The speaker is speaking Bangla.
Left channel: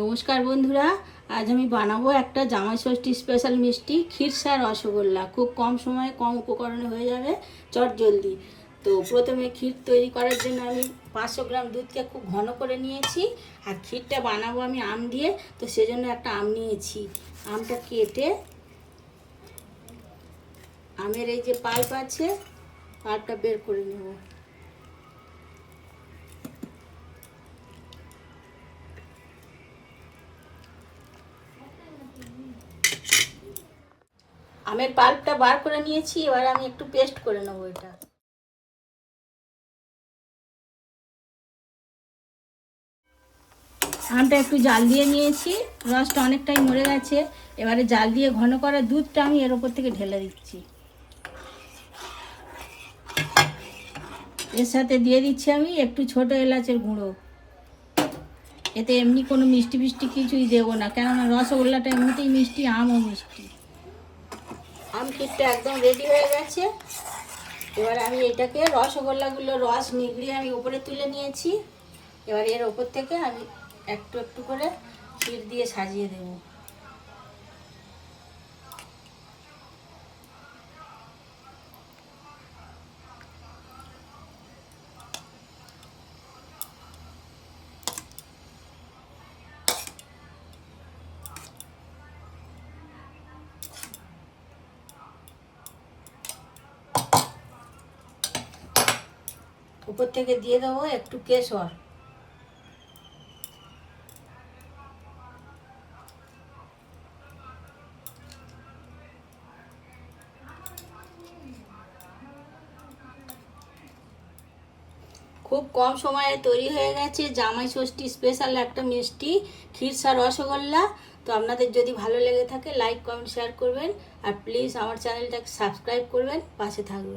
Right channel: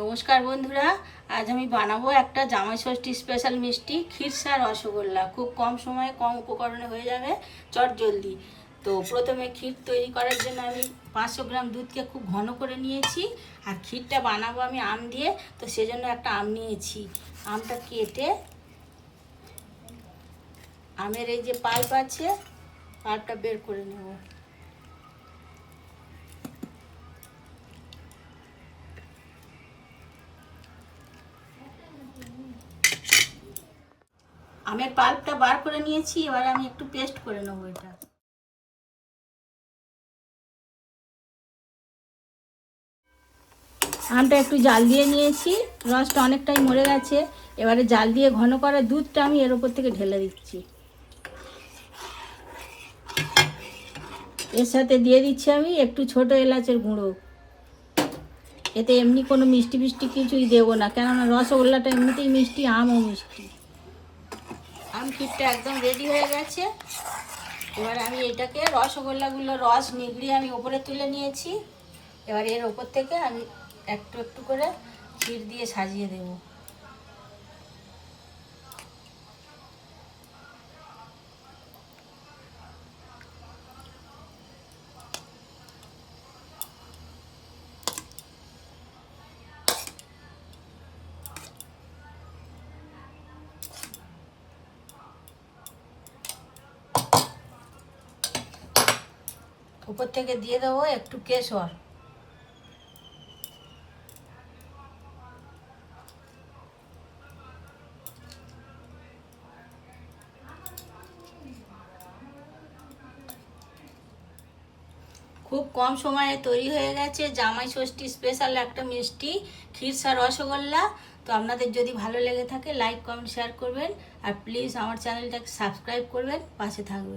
নমস্কার বন্ধুরা, আজ আমি বানাবো একটা জামাই ষষ্ঠী স্পেশাল মিষ্টি ক্ষীরসা রসগোল্লা। খুব কম সময়ে কম উপকরণে হয়ে যাবে, চটজলদি। তো প্রথমে ক্ষীর তৈরি করার জন্য আমি 500 গ্রাম দুধকে খুব ঘন করে নিয়েছি। আর ক্ষীরটা বানাবো আমি আম দিয়ে, তো সেজন্য একটা আম নিয়েছি। আমটা কেটে আমের এই যে পাল্প আছে, পাল্পটা বের করে নেব। আমের পাল্পটা বার করে নিয়েছি, এবার আমি একটু পেস্ট করে নেবো এটা। আমটা একটু জাল দিয়ে নিয়েছি, রসটা অনেকটাই মরে গেছে। এবারে জাল দিয়ে ঘন করা দুধটা আমি এর ওপর থেকে ঢেলে দিচ্ছি। এর সাথে দিয়ে দিচ্ছি আমি একটু ছোট এলাচের গুঁড়ো। এতে এমনি কোনো মিষ্টি ফিষ্টি কিছুই দেবো না, কেননা রসগোল্লাটা এমনিতেই মিষ্টি, আমও মিষ্টি। আম ক্ষীরটা একদম রেডি হয়ে গেছে। এবার আমি এটাকে রসগোল্লাগুলো রস নিগড়িয়ে আমি ওপরে তুলে নিয়েছি। এবার এর ওপর থেকে আমি একটু একটু করে ক্ষীর দিয়ে সাজিয়ে দেবো। উপর থেকে দিয়ে দেবো একটু কেশর। খুব কম সময়ে তৈরি হয়ে গেছে জামাই ষষ্ঠী স্পেশাল একটা মিষ্টি ক্ষীরসা রসগোল্লা। তো আপনাদের যদি ভালো লেগে থাকে লাইক কমেন্ট শেয়ার করবেন, আর প্লিজ আমার চ্যানেলটাকে সাবস্ক্রাইব করবেন, পাশে থাকবেন।